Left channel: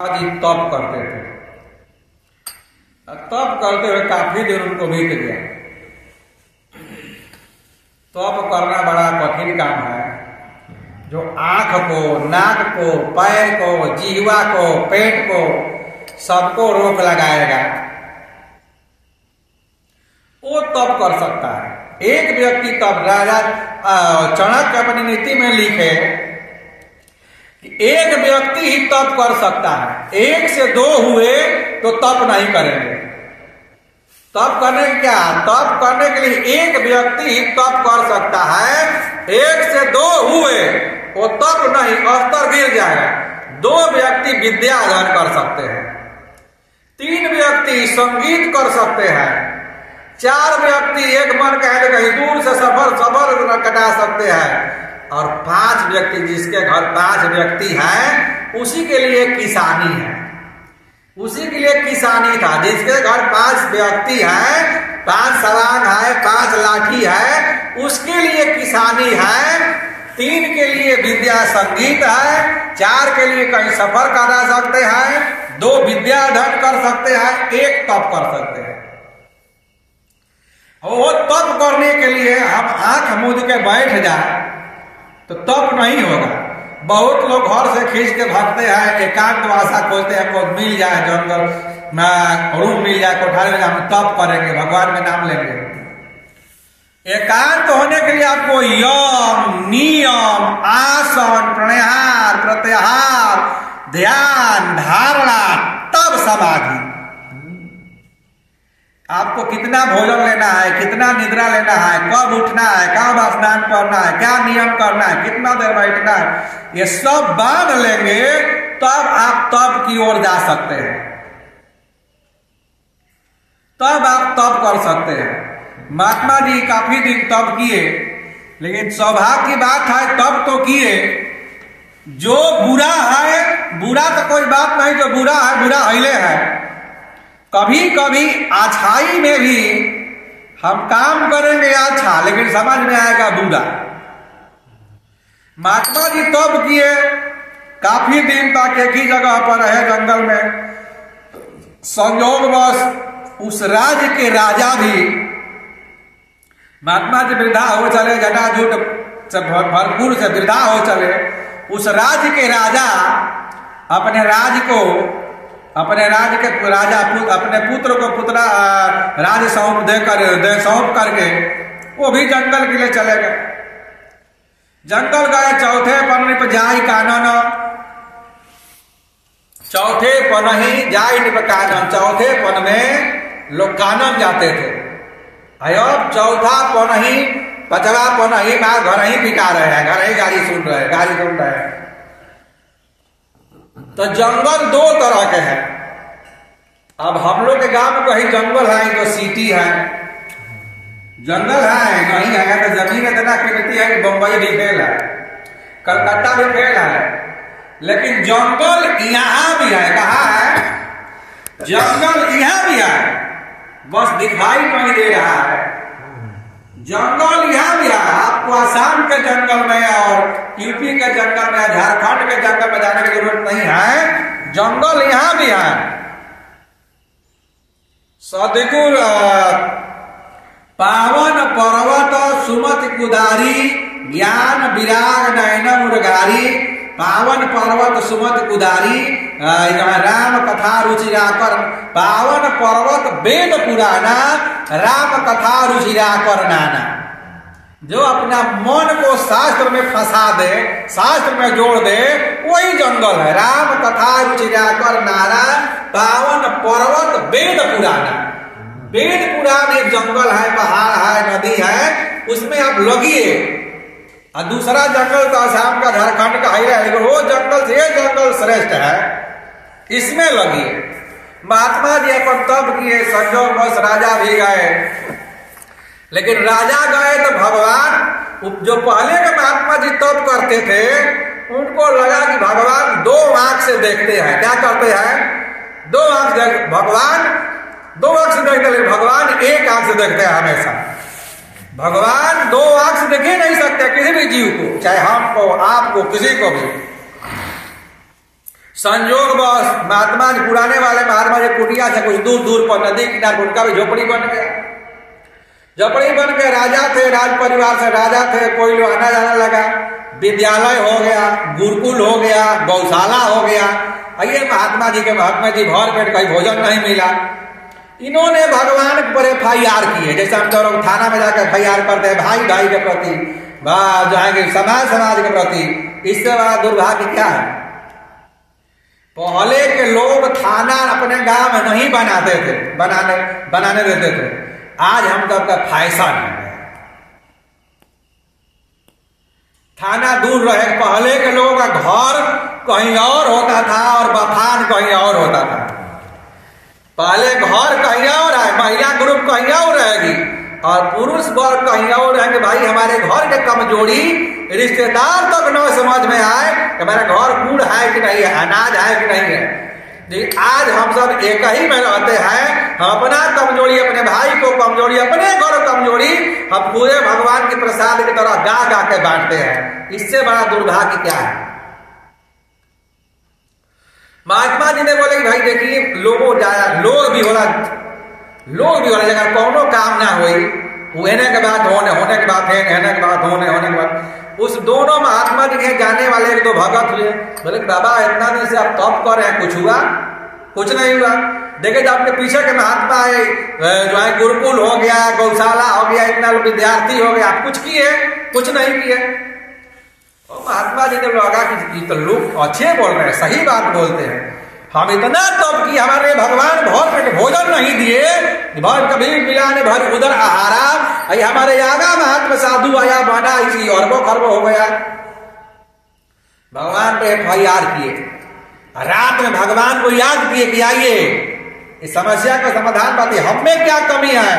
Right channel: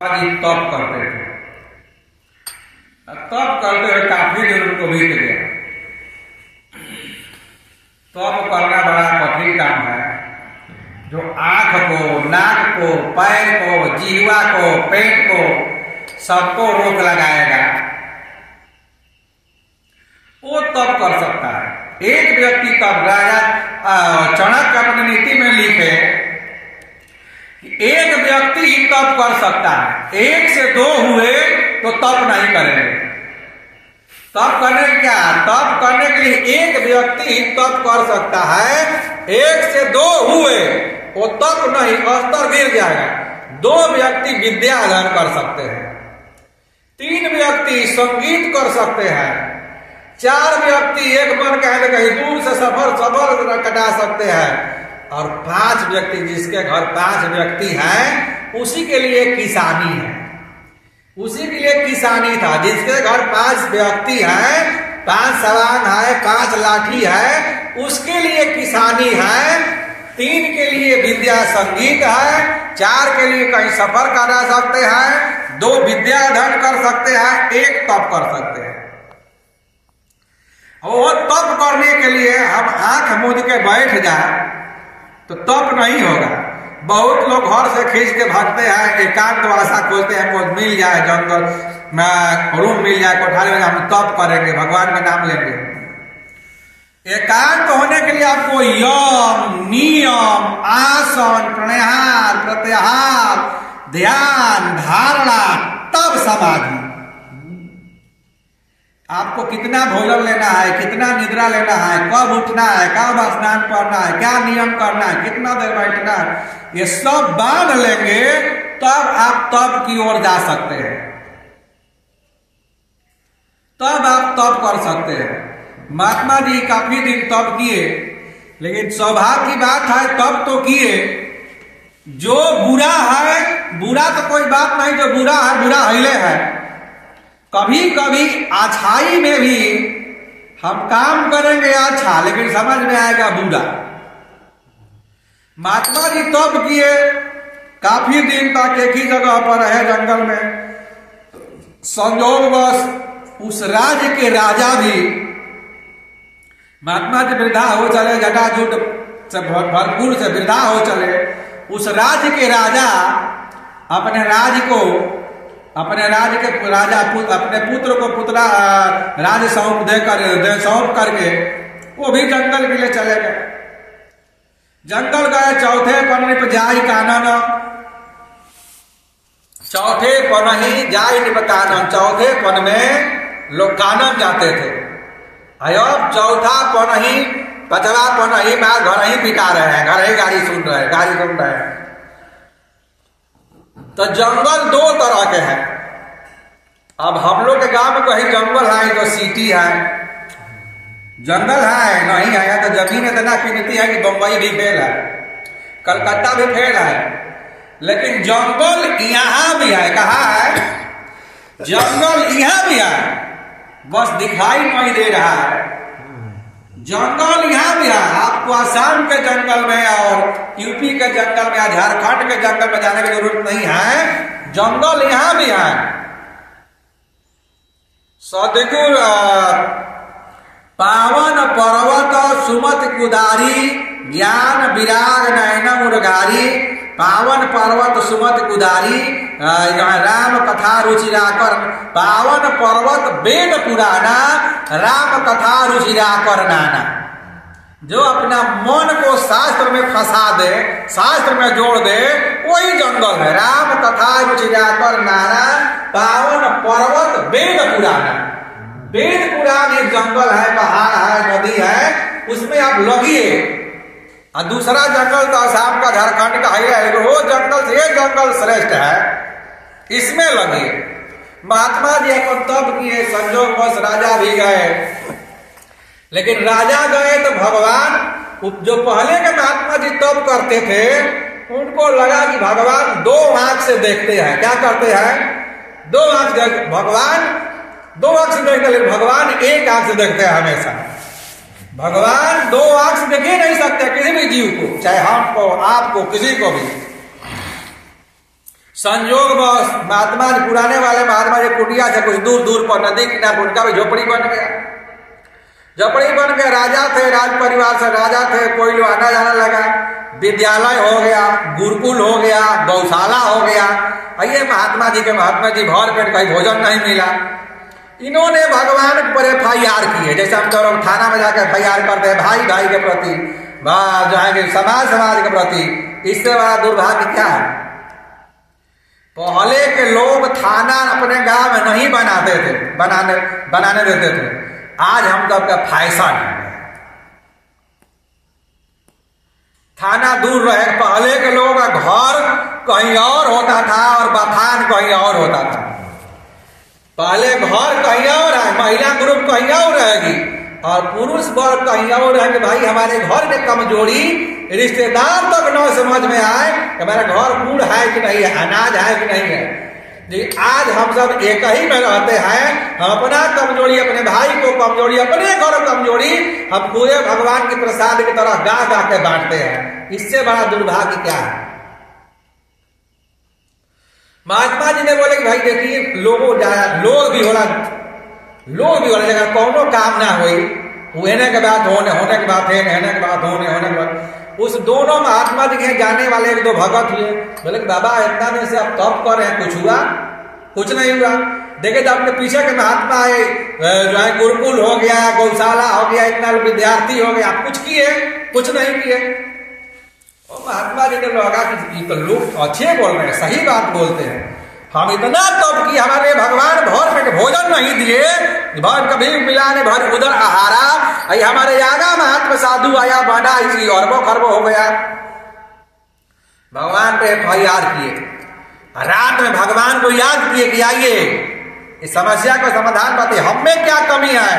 जी तप करते थे। तप करते हुए काफी दिन उनको बीत गया। तप करना बड़ा कठिन काम है, जो आंख को, नाक को, पैर को, जीवा को, पेट को, सबको रोक लगाएगा, वो तप कर सकता है। एक व्यक्ति तप, राजा चाणक्य अपनी नीति में लिखे, एक व्यक्ति ही तप कर सकता है। एक से दो हुए तो तप नहीं करेंगे। तप करने क्या, तप करने के लिए एक व्यक्ति ही तप कर सकता है। एक से दो हुए वो तप नहीं, स्तर गिर जाएगा। दो व्यक्ति विद्या अध्ययन कर सकते हैं, तीन व्यक्ति संगीत कर सकते हैं, चार व्यक्ति एक मन कहते कहीं दूर से सफर कटा सकते हैं, और पांच व्यक्ति, जिसके घर पांच व्यक्ति हैं उसी के लिए किसानी है। उसी के लिए किसानी था। जिसके घर पांच व्यक्ति हैं, पांच सवांग है, पांच लाठी है, उसके लिए किसानी है। तीन के लिए विद्या संगीत है, चार के लिए कहीं सफर करा सकते हैं, दो विद्या अध्ययन कर सकते हैं, एक तप कर सकते हैं। वो तप करने के लिए हम आंख मूंद के बैठ जाए तो तप नहीं होगा। बहुत लोग घर से खींच के भागते हैं, एकांत वासा खोलते हैं, हमको मिल जाए जंगल में, रूम मिल जाए, कोठारी में, हम तप करेंगे, भगवान का नाम लेंगे। एकांत होने के लिए आपको यम, नियम, आसन, प्राणायाम, प्रत्याहार, ध्यान, धारणा, तब समाधि। आपको कितना भोजन लेना है, कितना निद्रा लेना है, कब उठना है, कब स्नान करना है, क्या नियम करना है, कितना देर बैठना है, ये सब बांध लेंगे तब आप तप की ओर जा सकते हैं। तब आप तप कर सकते हैं। महात्मा जी काफी दिन तप किए, लेकिन सौभाग्य की बात है, तप तो किए। जो बुरा है, बुरा तो कोई बात नहीं, जो बुरा है बुरा हिले है। कभी कभी अच्छाई में भी हम काम करेंगे अच्छा, लेकिन समझ में आएगा बुरा। महात्मा जी तप किए, काफी दिन तक एक ही जगह पर रहे जंगल में। संयोगवश उस राज्य के राजा भी, महात्मा जी वृद्धा हो चले, जटाजूट से भरपूर से वृद्धा हो चले। उस राज्य के राजा अपने राज्य के राजा अपने पुत्र को राज्य सौंप करके वो भी जंगल के लिए चले गए। जंगल गए, चौथे पन्ने पर जाई कानन, चौथे पन्ही जाई निप कानन। चौथे पन में लोग कानन जाते थे। अब चौथा पन्ही, पचवा पन्ही मार घर ही पिटा रहे हैं, घर ही गाड़ी सुन रहे हैं। तो जंगल दो तरह के हैं। अब हम लोग के गांव में कहीं जंगल है तो सिटी है, जंगल है नहीं है तो जमीन इतना कीमती है कि बंबई भी फेल है, कलकत्ता भी फेल है। लेकिन जंगल यहाँ भी है। कहाँ है? जंगल यहाँ भी है, बस दिखाई नहीं दे रहा है। जंगल यहाँ भी है। आपको आसाम के जंगल में और यूपी के जंगल में, झारखंड के जंगल में जाने की जरूरत नहीं है, जंगल यहाँ भी है। सदगुर पावन पर्वत सुमत कुदारी, ज्ञान विराग नयन मुरगारी। पावन पर्वत सुमत कुदारी, राम कथा रुचिराकर। पावन पर्वत वेद पुराना, राम कथा रुचिराकर नाना। जो अपना मन को शास्त्र में फंसा दे, शास्त्र में जोड़ दे, वही जंगल है। राम कथा रुचिराकर नाना, पावन पर्वत वेद पुराना। वेद पुराण एक जंगल है, पहाड़ है, नदी है, उसमें आप लगिए। और दूसरा जंगल तो आसाम का, झारखंड का है, वो जंगल से ये जंगल श्रेष्ठ है, इसमें लगिए। महात्मा जी अपन तप किए, संजोगवश राजा भी गए। लेकिन राजा गए तो भगवान, जो पहले के महात्मा जी तप करते थे, उनको लगा कि भगवान दो आंख से देखते हैं। क्या करते हैं? दो आंख से भगवान, दो आंख से देखते, लेकिन भगवान एक आंख से देखते हैं हमेशा। भगवान दो आंख से देख ही नहीं सकते किसी भी जीव को, चाहे हमको, आपको, किसी को भी। संयोग बस महात्मा जी, पुराने वाले महात्मा जी कुटिया से कुछ दूर दूर पर नदी किनारे उनका भी झोपड़ी बन गया। झोपड़ी बन के राजा थे, राज परिवार से राजा थे, कोई लोग आना जाना लगा, विद्यालय हो गया, गुरुकुल हो गया, गौशाला हो गया। ये महात्मा जी भर पेट कहीं भोजन नहीं मिला। इन्होंने भगवान पर FIR की है, जैसे हम तो लोग थाना में जाकर FIR करते हैं भाई भाई के प्रति, जो है कि समाज के प्रति। इससे बड़ा दुर्भाग्य क्या है? पहले के लोग थाना अपने गांव में नहीं बनाते थे, बनाने देते थे। आज हम सबका फैशन है थाना दूर रहे। पहले के लोगों का घर कहीं और होता था और बथान कहीं और होता था। पहले घर कहीं और है, महिला ग्रुप कहीं और रहेगी और पुरुष वर्ग कहीं और रहेंगे। भाई हमारे घर के कमजोरी रिश्तेदार तक न समझ में आए कि हमारा घर कूड़ है कि नहीं है, अनाज है कि नहीं है। लेकिन आज हम सब एक ही में रहते हैं। हम अपना कमजोरी, अपने भाई को कमजोरी, अपने घर कमजोरी हम पूरे भगवान के प्रसाद की तरह गा गा के बांटते हैं। इससे बड़ा दुर्भाग्य क्या है? महात्मा जी ने बोले कि भाई देखिए लोग भी होला जगह कौनो काम ना हुई, होने के बाद होने के बाद होने के बाद उस दोनों महात्मा जी के जाने वाले एक दो भगत हुए। बोले कि बाबा इतना दिन से आप तप कर रहे हैं, कुछ हुआ? कुछ नहीं हुआ। देखे तो आपके पीछे के महात्मा है, जो है गुरुकुल हो गया, गौशाला हो गया, इतना विद्यार्थी हो गया, आप कुछ किए? कुछ नहीं किए। और महात्मा जी ने लगा कि तो लोग अच्छे बोल रहे हैं, सही बात बोलते हैं। हम इतना तप कि हमारे भगवान भर पेट भोजन नहीं दिए, भर कभी मिला ने भर उधर आहारा। हमारे आगा महात्मा साधु आया, बना इसी अरबों खरबों हो गया। भगवान पे FIR किए, रात में भगवान को याद किए कि आइए इस समस्या का समाधान बताइए, हम में क्या कमी है।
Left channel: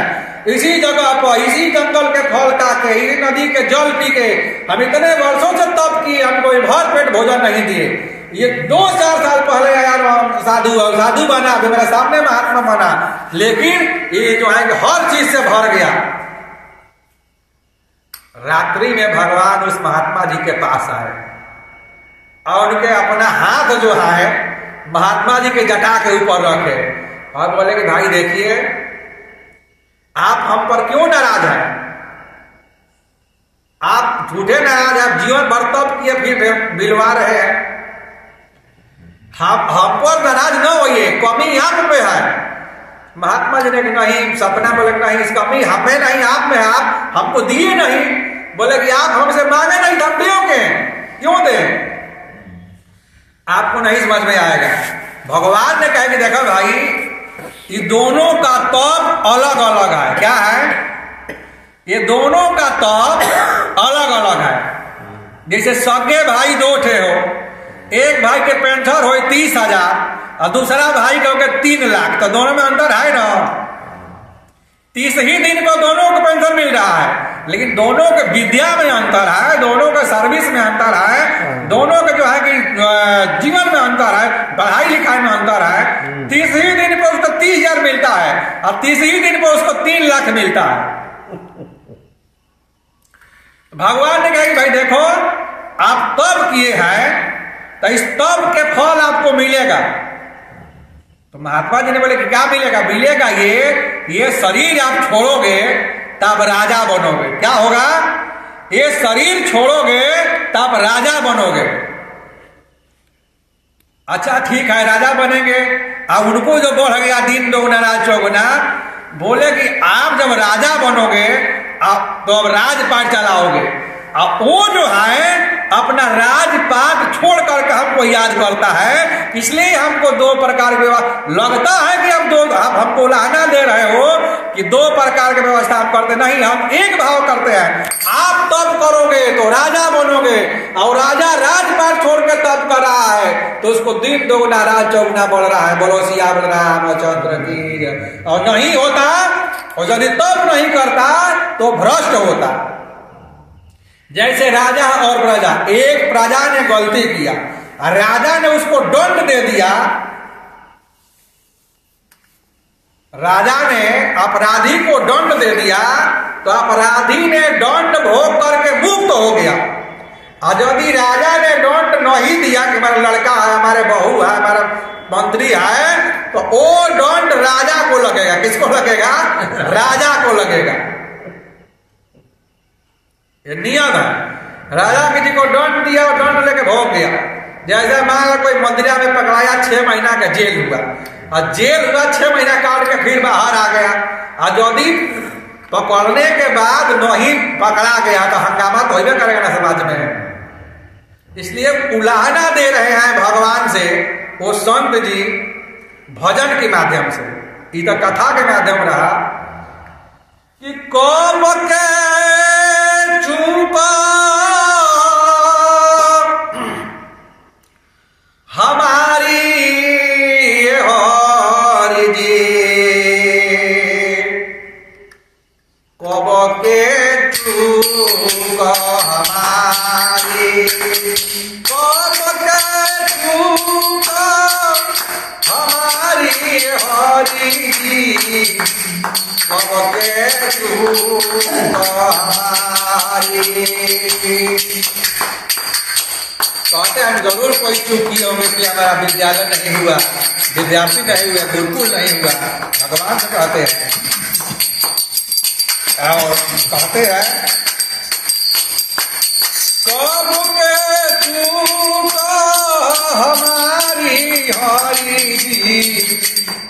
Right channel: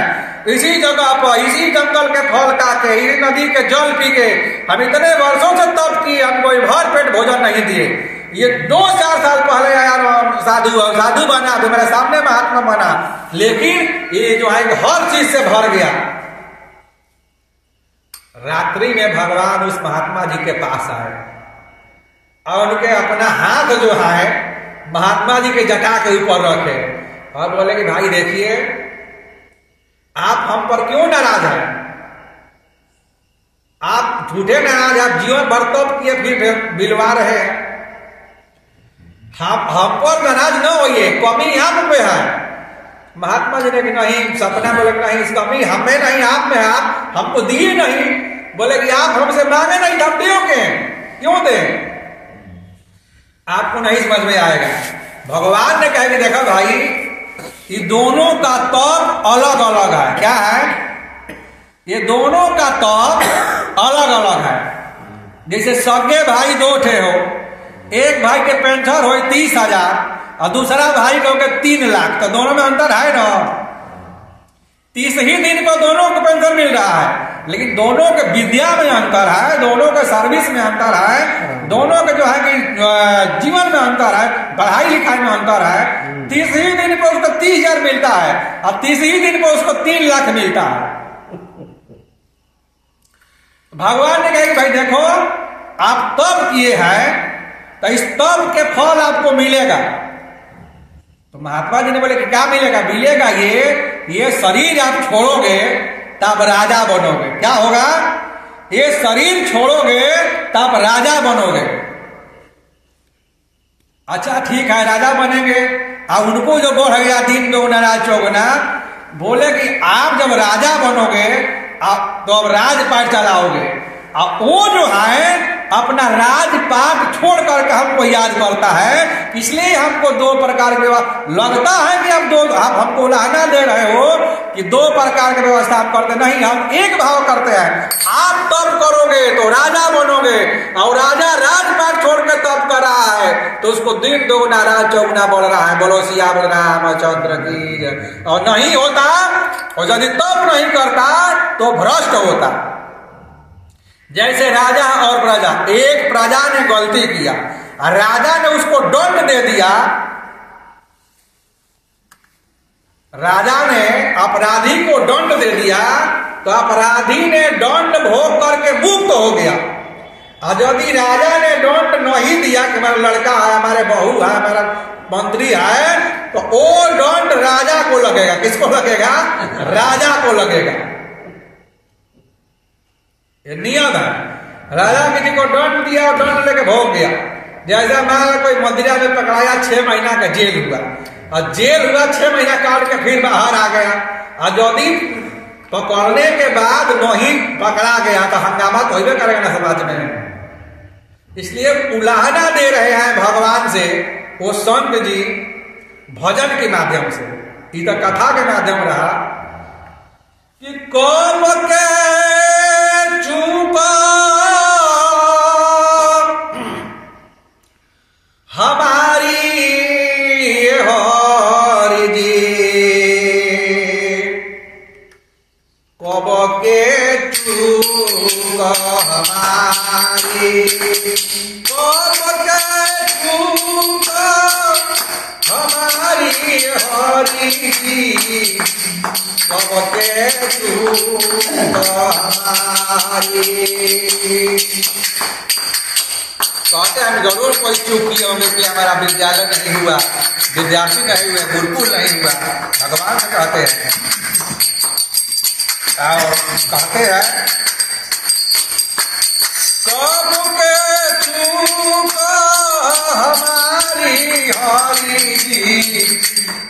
इसी जगह पर, इसी जंगल के फल खा के, इसी नदी के जल पी के हम इतने वर्षों से तप किए, हमको भर पेट भोजन नहीं दिए। ये 2-4 साल पहले यार साधु बना, तो मेरे सामने महात्मा बना, लेकिन ये जो है हर चीज से भर गया। रात्रि में भगवान उस महात्मा जी के पास आए और उनके अपना हाथ जो है महात्मा जी के जटा के ऊपर रखे और बोले कि भाई देखिए आप हम पर क्यों नाराज हैं? आप झूठे नाराज हैं, आप जीवन भर तप किए फिर बिलवा रहे हैं। हम पर नाराज न होइए, कमी आप में है। महात्मा जी ने कि नहीं, सपना बोले कि नहीं, इस कमी हमें नहीं आप में है, आप हमको दिए नहीं। बोले कि आप हमसे मांगे नहीं, हम दोगे, क्यों दें? आपको नहीं समझ में आएगा। भगवान ने कहा कि देखो भाई ये दोनों का तप अलग अलग है। क्या है? ये दोनों का तप अलग अलग है। जैसे सगे भाई 2 ठे हो, एक भाई के पेंशन हो 30,000 और दूसरा भाई का हो 3 लाख, तो दोनों में अंतर है ना। 30 ही दिन पर दोनों को पेंशन मिल रहा है, लेकिन दोनों के विद्या में अंतर है, दोनों के सर्विस में अंतर है, दोनों के जो है कि जीवन में अंतर है, पढ़ाई लिखाई में अंतर है। 30 ही दिन पर उसको 30,000 मिलता है और 30 ही दिन पर उसको 3 लाख मिलता है। भगवान ने कहा कि भाई देखो आप तप किए हैं तो इस तप के फल आपको मिलेगा। तो महात्मा जी ने बोले कि क्या मिलेगा? मिलेगा ये शरीर आप छोड़ोगे तब राजा बनोगे। क्या होगा? ये शरीर छोड़ोगे तब राजा बनोगे। अच्छा ठीक है, राजा बनेंगे। अब उनको जो बढ़ गया दिन दोगुना राज चौगुना, बोले कि आप जब राजा बनोगे तो अब राजपाट चलाओगे। अब वो जो है अपना राजपाट छोड़ करके हमको याद करता है, इसलिए हमको 2 प्रकार की व्यवस्था लगता है कि आप हमको उलाहना दे रहे हो कि 2 प्रकार की व्यवस्था आप करते नहीं, हम एक भाव करते हैं। आप तप करोगे तो राजा बनोगे और राजा राजपाट छोड़ के तप कर रहा है तो उसको दिन दोगुना राज चौगुना बढ़ रहा है। बोलो सियावर रामचंद्र की। और नहीं होता, और यदि तप नहीं करता तो भ्रष्ट होता। जैसे राजा और प्रजा, एक प्रजा ने गलती किया, राजा ने उसको दंड दे दिया, राजा ने अपराधी को दंड दे दिया तो अपराधी ने दंड भोग करके मुक्त हो गया। और यदि राजा ने दंड नहीं दिया कि हमारा लड़का है, हमारे बहू है, हमारा मंत्री है, तो वो दंड राजा को लगेगा। किसको लगेगा? राजा को लगेगा। ये नियम है। राजा किसी को दंड दिया और दंड लेके भोग गया। जैसे मान लो कोई मंदिरा में पकड़ाया, 6 महीना का जेल हुआ, और जेल हुआ 6 महीना काट के फिर बाहर आ गया, और यदि पकड़ने के बाद नहीं पकड़ा गया तो हंगामा तो होबे करेगा ना समाज में। इसलिए उलाहना दे रहे हैं भगवान से वो संत जी भजन के माध्यम से, ये तो कथा के माध्यम रहा कि कौम के चूका हमारी हरि जी, कब के चूका हमारी, कब के चूका हमारी हरि जी, कब के चूका हमारी। कहते हम जरूर कोई चूक किए होंगे कि हमारा विद्यालय नहीं हुआ, विद्यार्थी नहीं हुए, गुरुकुल नहीं हुआ, भगवान से कहते हैं। और कहते हैं कब के चूक हमारी हरि जी,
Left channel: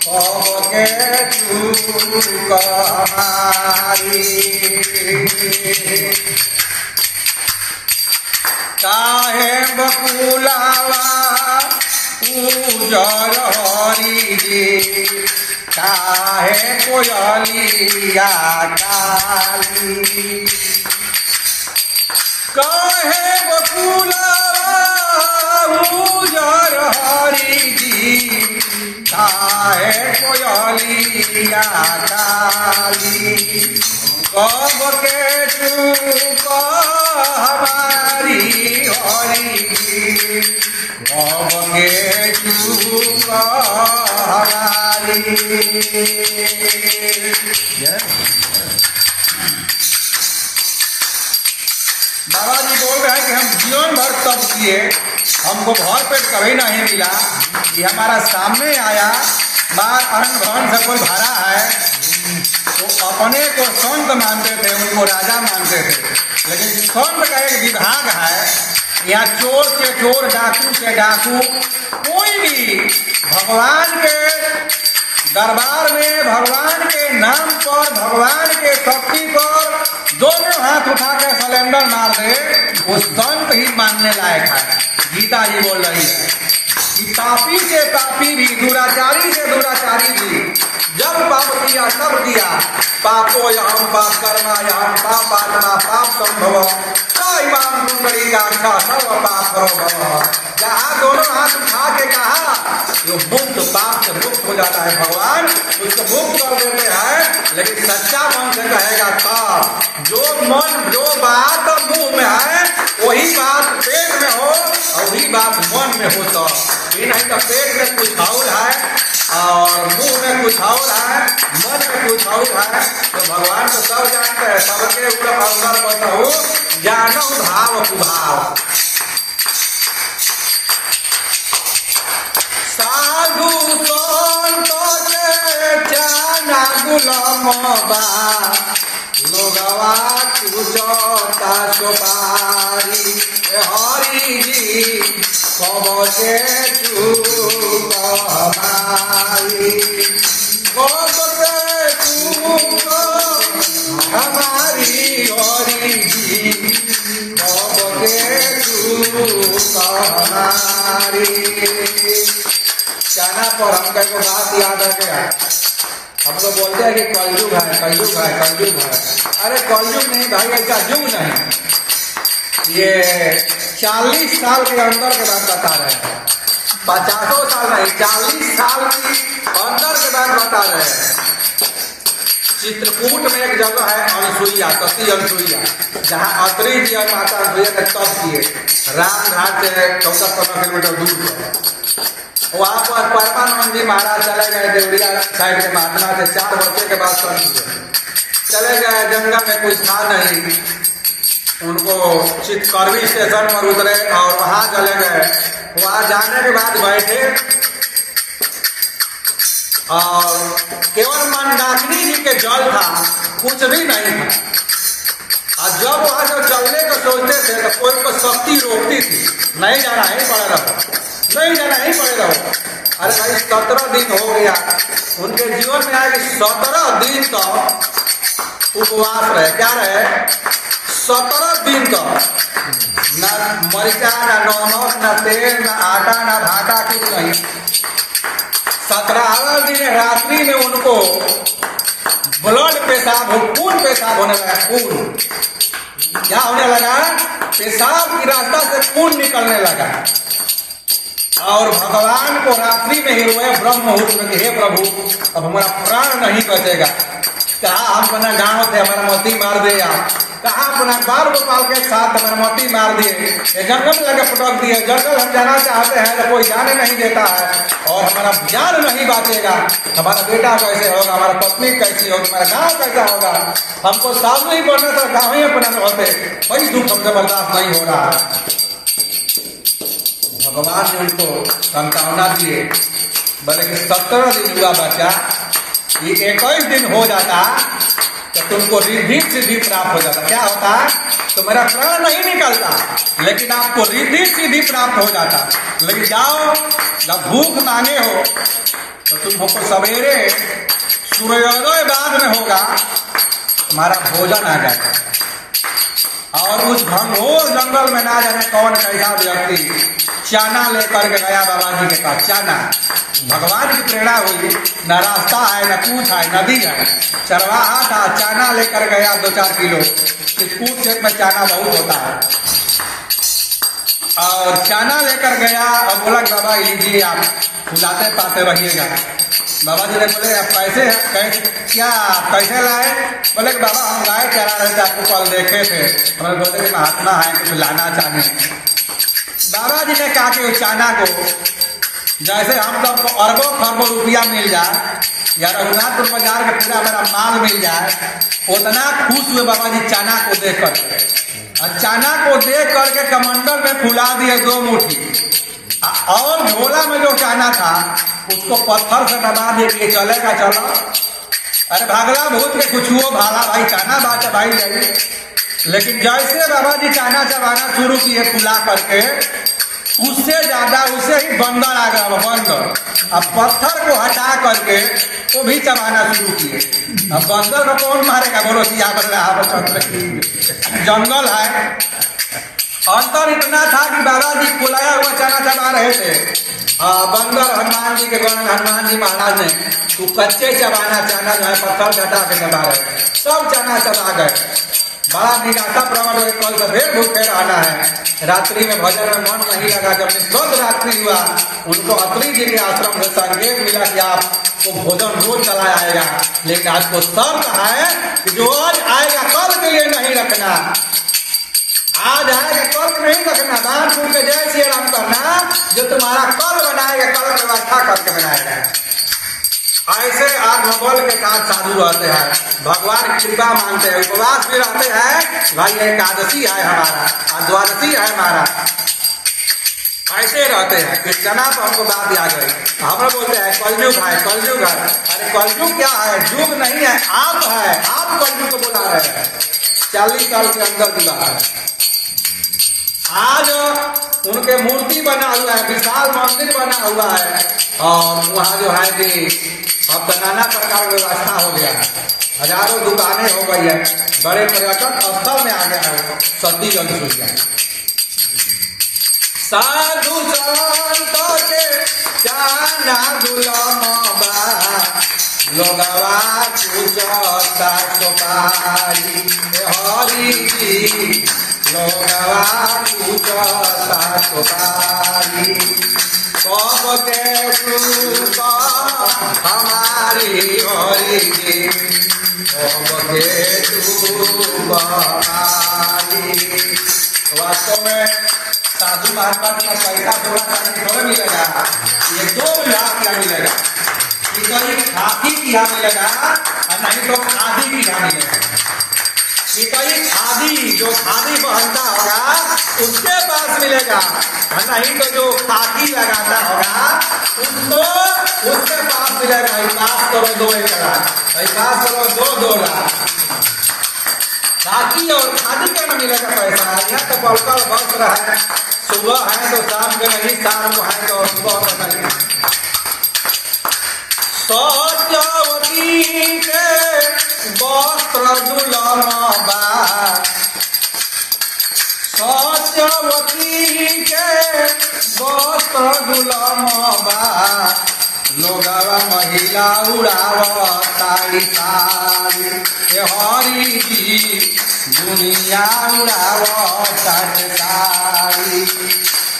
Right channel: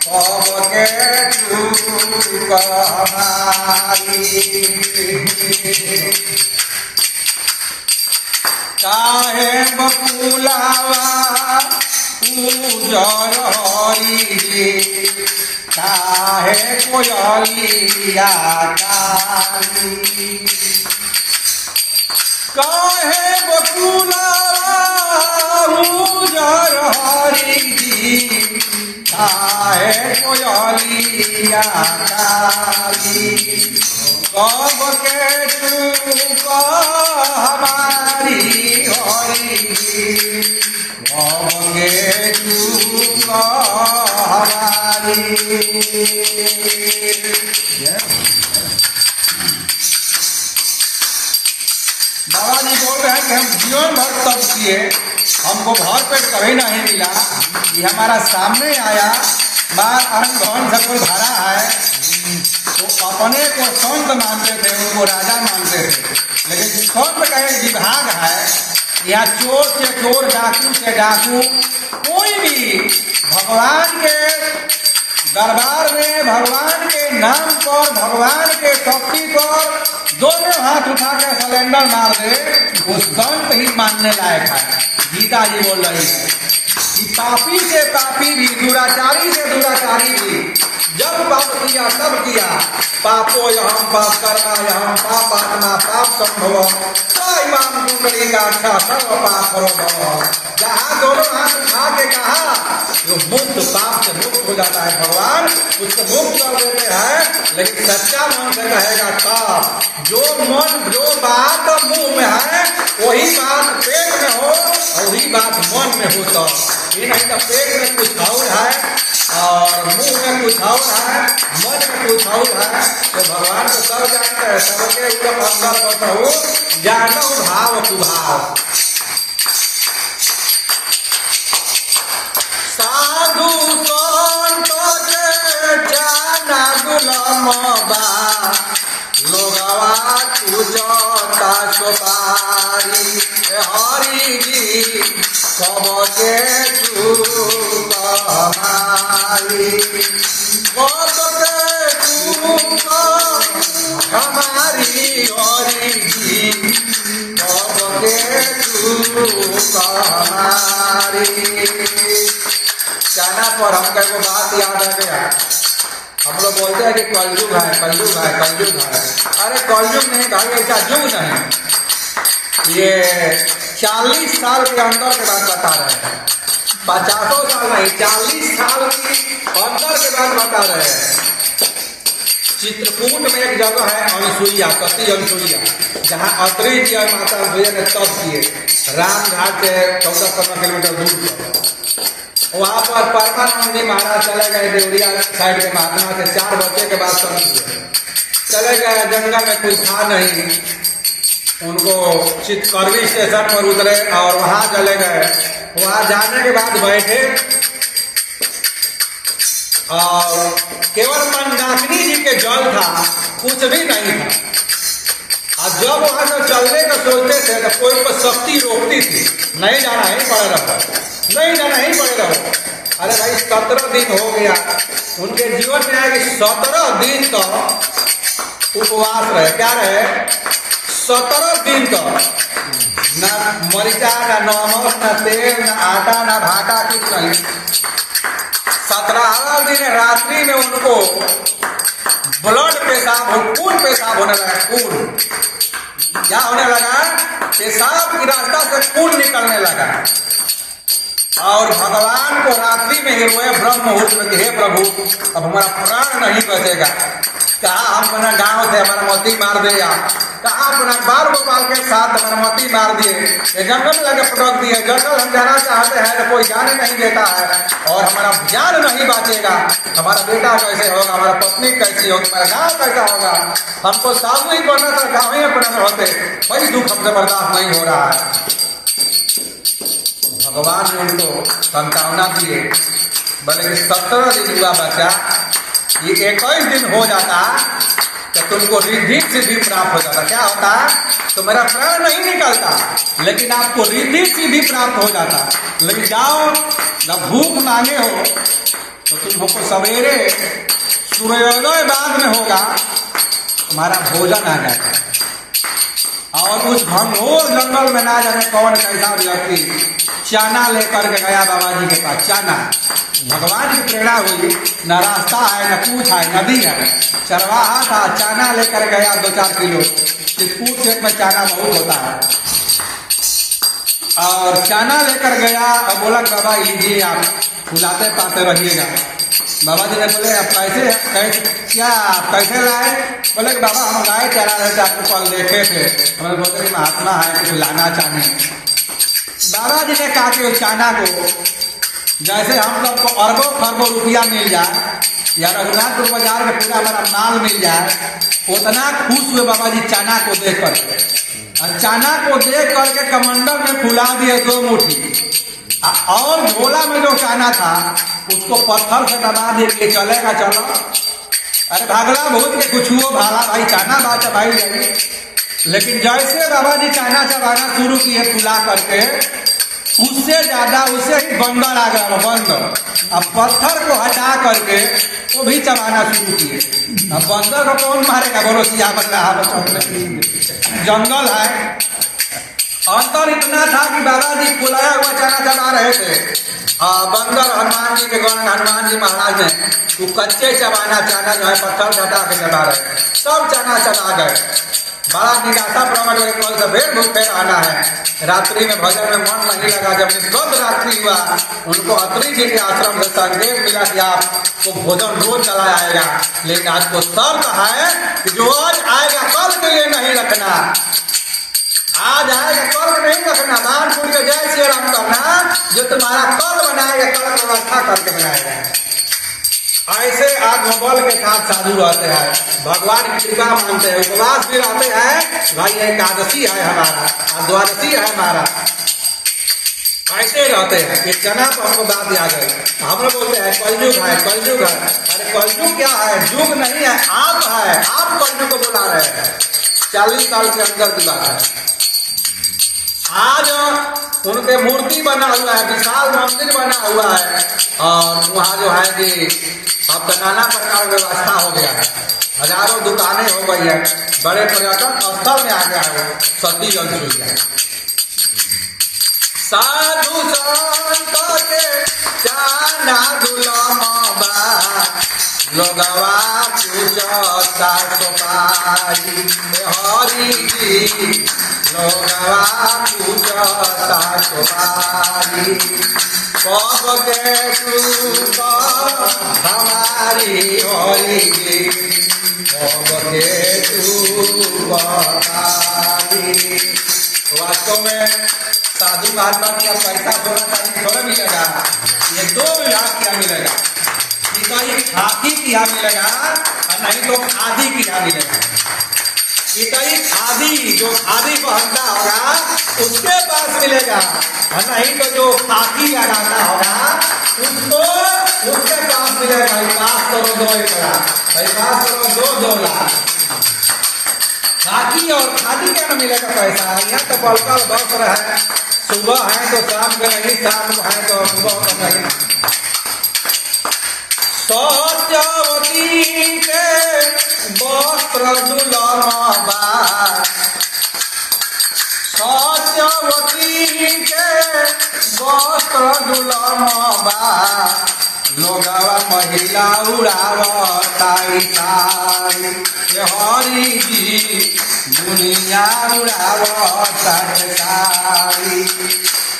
कब के चूक हमारी। काहे बकुलावा उजर हरि जी, काहे कोयलिया काली, काहे बकुलावा उजर हरि जी, काहे कोयलिया काली, कब के चूक हमारी हरि जी, कब के चूक हमारी। बाबा जी बोल रहे हैं कि हम जीवन भर तप किए, हमको भर पेट कभी नहीं मिला। ये हमारा सामने आया, बार अरंग से कोई भरा है, तो अपने को संत मानते थे, उनको राजा मानते थे। लेकिन संत का एक विभाग है, या चोर से चोर, डाकू से डाकू, कोई भी भगवान के दरबार में भगवान के नाम पर, भगवान के शक्ति पर दोनों हाथ उठा के सिलेंडर मार दे, वो संत ही मानने लायक है। गीता जी बोल रही है कि पापी से पापी भी, दुराचारी से दुराचारी भी, जब पाप किया तब किया, पापो यहम पाप कर्मा यहम पाप आत्मा पाप संभव, इमाम कुंडली का अच्छा सर्व पाप करो भव। जहाँ दोनों हाथ उठा के कहा, जो मुक्त पाप से मुक्त हो जाता है भगवान, उसको मुक्त कर देते हैं। लेकिन सच्चा मन से कहेगा तब, जो बात मुंह में है वही बात पेट में हो, और वही बात मन में हो। तो ये नहीं तो पेट में कुछ और है और मुंह में कुछ और है, मन में कुछ और है। तो भगवान तो सब जानते हैं, सबके ऊपर अंदर बसहु जानो भाव कुभाव। साधु संत के जाना गुलाम बा, लोगवा पूजता सुपारी, हरि जी कब के चूक हमारी, कब के चूक हमारी हरि जी, कब के चूक हमारी। कहना पर हमको को बात याद आ गया। हम लोग बोलते हैं कि कलयुग है, कलयुग है, कलयुग है। अरे कलयुग नहीं भाई, ऐसा युग नहीं। ये 40 साल के अंदर के बाद बता रहे हैं, 50 साल नहीं, 40 साल की अंदर के बाद बता रहे हैं। चित्रकूट में एक जगह है अनसुईया, सती अनसुईया, जहाँ अत्रि जी और माता अनसुईया ने तप किए, रामघाट से 14-15 किलोमीटर दूर पर। वहां पर परमानंद जी महाराज चले गए देवरिया साइड के महात्मा से, 4 बच्चे के बाद संत हुए। चले गए, जंगल में कुछ था नहीं, उनको चितकरवी स्टेशन पर उतरे और वहां चले गए। वहां जाने के बाद बैठे और केवल मंदाकिनी जी के जल था, कुछ भी नहीं था। और जब वहां से चलने का सोचते थे तो कोई को शक्ति रोकती थी, नहीं जाना ही पड़े रहो, नहीं जाना ही पड़े रहो। अरे भाई 17 दिन हो गया, उनके जीवन में आए कि 17 दिन तो उपवास रहे। क्या रहे? 17 दिन तो न मरीचा, न नमक, न तेल, न आटा, न भाटा, कुछ नहीं। 17वें दिन रात्रि में उनको ब्लड पेशाब, खून पेशाब होने लगा। खून क्या होने लगा? पेशाब की रास्ता से खून निकलने लगा। और भगवान को रात्रि में ही रोए ब्रह्म मुहूर्त में कि हे प्रभु, अब हमारा प्राण नहीं बचेगा। कहा हम अपना गांव से हमारा मोती मार दे, आप कहा अपना बाल गोपाल के साथ हमारा मोती मार दिए, जंगल में लगे पटक दिए। जंगल हम जाना चाहते हैं तो कोई जाने नहीं देता है और हमारा जान नहीं बचेगा। हमारा बेटा कैसे होगा, हमारा पत्नी कैसी होगी, हमारा गांव कैसा होगा। हमको सामने ही पड़ना था, गाँव ही अपना होते। वही दुख हमसे बर्दाश्त नहीं हो रहा है। भगवान ने उनको संतावना दिए, बोले कि 17 दिन हुआ बच्चा, ये 21 दिन हो जाता तो तुमको रिद्धि सिद्धि प्राप्त हो जाता। क्या होता? तो मेरा प्राण नहीं निकलता, लेकिन आपको रिद्धि सिद्धि प्राप्त हो जाता। लेकिन जाओ, जब भूख मांगे हो तो तुमको सवेरे सूर्योदय बाद में होगा, तुम्हारा भोजन आ जाएगा। और उस घनघोर जंगल में ना जाने कौन कैसा व्यक्ति चाना लेकर के गया बाबा जी के पास। चाना भगवान की प्रेरणा हुई, न रास्ता है, न कुछ है, नदी है, चरवाहा था, चाना लेकर गया 2-4 किलो। चित्रकूट क्षेत्र में चाना बहुत होता है। और चाना लेकर गया और बोला कि बाबा लीजिए, आप फुलाते पाते रहिएगा। बाबा जी ने बोले आप कैसे क्या कैसे लाए? बोले कि बाबा हम गाय चरा रहे थे, आपको कल देखे थे, हमें बोले कि महात्मा है, कुछ लाना चाहिए। बाबा जी ने कहा कि उस चाना को जैसे हम लोग को अरबों खरबों रुपया मिल जाए या रघुनाथपुर बाजार के पूरा हमारा माल मिल जाए, उतना खुश हुए बाबा जी चाना को देख कर। और चाना को देख करके कमंडल में फुला दिए 2 मुट्ठी, और झोला में जो चाना था उसको पत्थर से दबा दे के चलेगा चलो। अरे भागला भूत के कुछ हुआ भाला भाई, चाना बात भाई जाइए। लेकिन जैसे बाबा जी चाना चबाना शुरू किए फुला करके, उससे ज्यादा उससे ही बंदर आ गया। बंदर अब पत्थर को हटा करके वो भी चबाना शुरू किए। अब बंदर को कौन मारेगा? बोलो सिया जंगल है। अंतर इतना था कि बाबा जी फुलाया हुआ चाना चबा रहे थे। बंदर हनुमान जी के गण, हनुमान जी महाराज ने वो कच्चे चबाना चाना जो है पत्थर हटा के चबा रहे, सब चाना चबा गए। बड़ा निराशा प्रकट हुई, कल से फिर भूखे रहना है। रात्रि में भजन में मन नहीं लगा। जब निष्पक्ष रात्रि हुआ, उनको अत्रि जी के आश्रम से संकेत मिला कि आपको भोजन रोज चला आएगा, लेकिन आपको शर्त है कि जो आज आएगा कल के लिए नहीं रखना। आज आएगा कल नहीं रखना, दान पुण्य के जय श्री राम करना। जो तुम्हारा कल बनाएगा, कल व्यवस्था करके बनाएगा। ऐसे आत्मबल के साथ साधु रहते हैं, भगवान की कृपा मानते हैं, उपवास भी रहते हैं। भाई एकादशी है हमारा, द्वादशी है हमारा, ऐसे रहते हैं। कि चना तो हमको बात याद गई। हम लोग बोलते हैं कलयुग है, कलयुग है। अरे कलयुग क्या है? युग नहीं है, आप है। आप कलयुग को बुला रहे हैं। 40 साल के अंदर की बात है। आज उनके मूर्ति बना हुआ है, विशाल मंदिर बना हुआ है। और वहाँ जो है कि अब तो नाना प्रकार की व्यवस्था हो गया है, हजारों दुकानें हो गई है, बड़े पर्यटन स्थल में आ गया है सती जलसूया। साधु संत के चाना दुलमबा, लोगवा पूछता सुपारी हरि जी, लोगवा पूछता सुपारी। कब के चूक हमारी हरि जी, कब के चूक हमारी। वास्तव में साधु महात्मा की पैसा थोड़ा मिलेगा, ये 2 लाख क्या मिलेगा? ये तो एक हाथी की यहाँ मिलेगा, नहीं तो आधी की यहाँ मिलेगा। कि कहीं खादी जो खादी पहनता होगा उसके पास मिलेगा, नहीं तो जो खाकी लगाता होगा उसको उसके पास मिलेगा। पास करो 2 एकड़ा, पास करो 2 लाख। खाकी और खादी का न मिलेगा पैसा। यहाँ तो बलकर वस्त्र है, सुबह है तो शाम को नहीं, शाम को है तो सुबह को नहीं। सत्यवती के वस्त्र दुलम बा, सत्यवती के वस्त्र दुलम बा, लोगवा महिला उड़ावताई सारी। हरि जी दुनिया उड़ावताई सारी।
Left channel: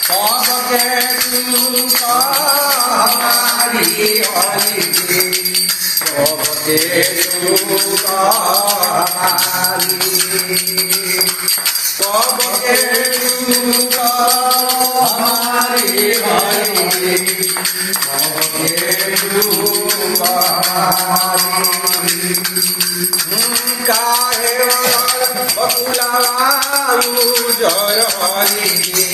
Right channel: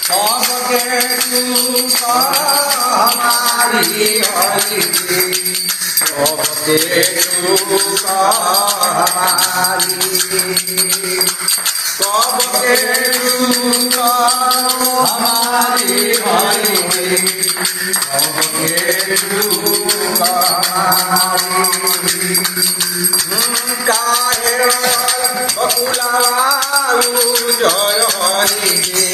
सबके सुख हमारी हरि जी, सबके सुख हमारी, सबके सुख हमारी हरि जी, सबके सुख हमारी। काहे बकुलावाऊ जय हरि जी,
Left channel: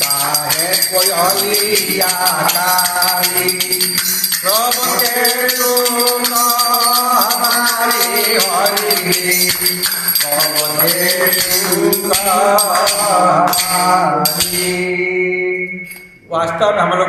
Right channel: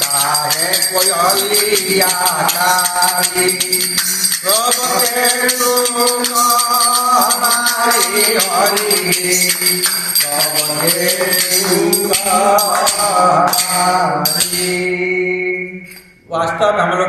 काहे कोयलिया काली, सबके सुख हमारी हरि जी, सबके सुख हमारी। वास्तव में हम लोग